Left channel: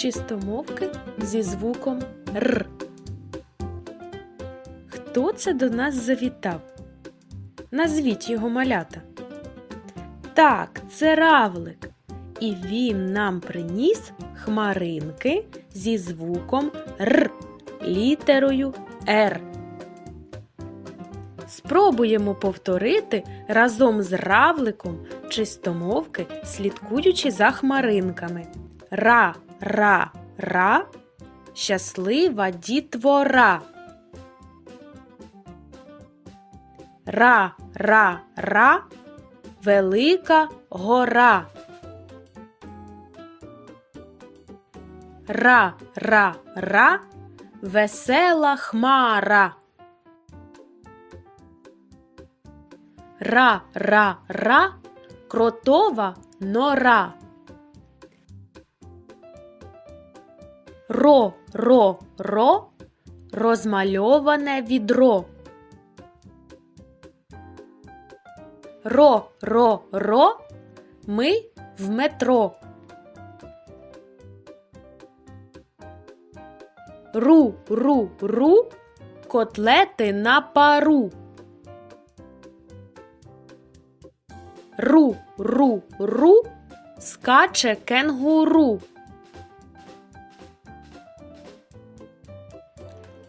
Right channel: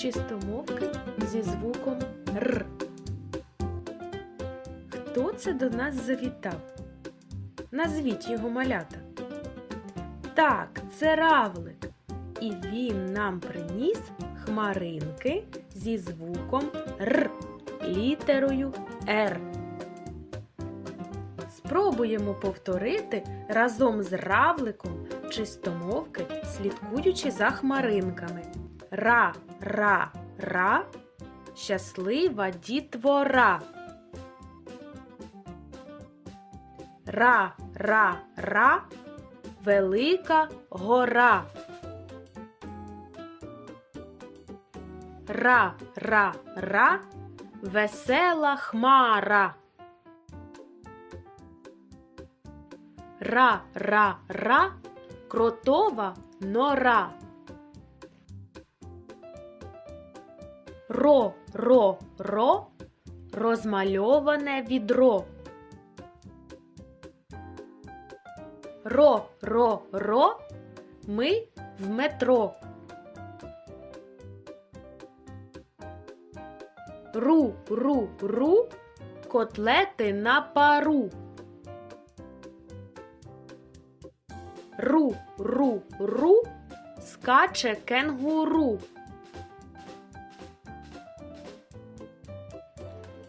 чистомовки зі звуком Р. Хто це до нас завітав? Назвіть його малята. Так, це равлик. І він нам приніс хмаринки зі звуком Р, літерою Р. Спробуємо повторити разом з равликом чистомовки, слідкуючи за хмаринками. Ра, ра, ра, щаслива дітвора. Ра, ра, ра, велика гора. Ра, ра, ра, весела хмара. Ра, ра, ра, кротова нора. Ро, ро, ро, розмальоване відро. Ро, ро, ро, ми в метро. Ру, ру, ру, котлети на пару. Ру, ру, ру, скаче кенгуру.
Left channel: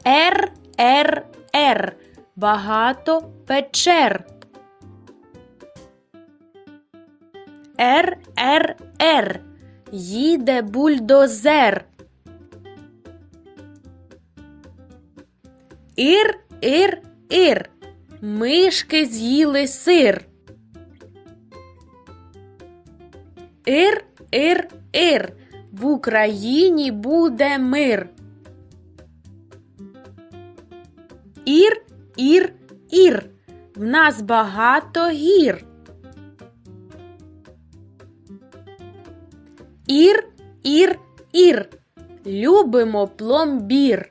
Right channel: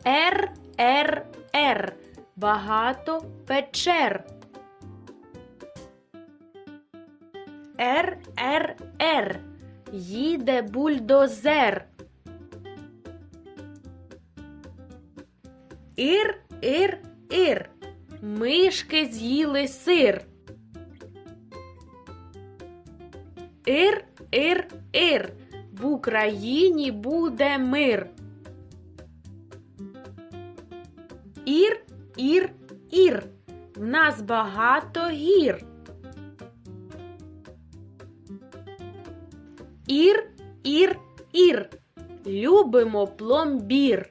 Р, Р, Р, багато печер. Р, Р, Р, їде бульдозер. Ір, ір, ір, мишки з'їли сир. Ір, ір, ір, в Україні буде мир. Ір, ір, ір, в нас багато гір. Ір, ір, ір, любимо пломбір.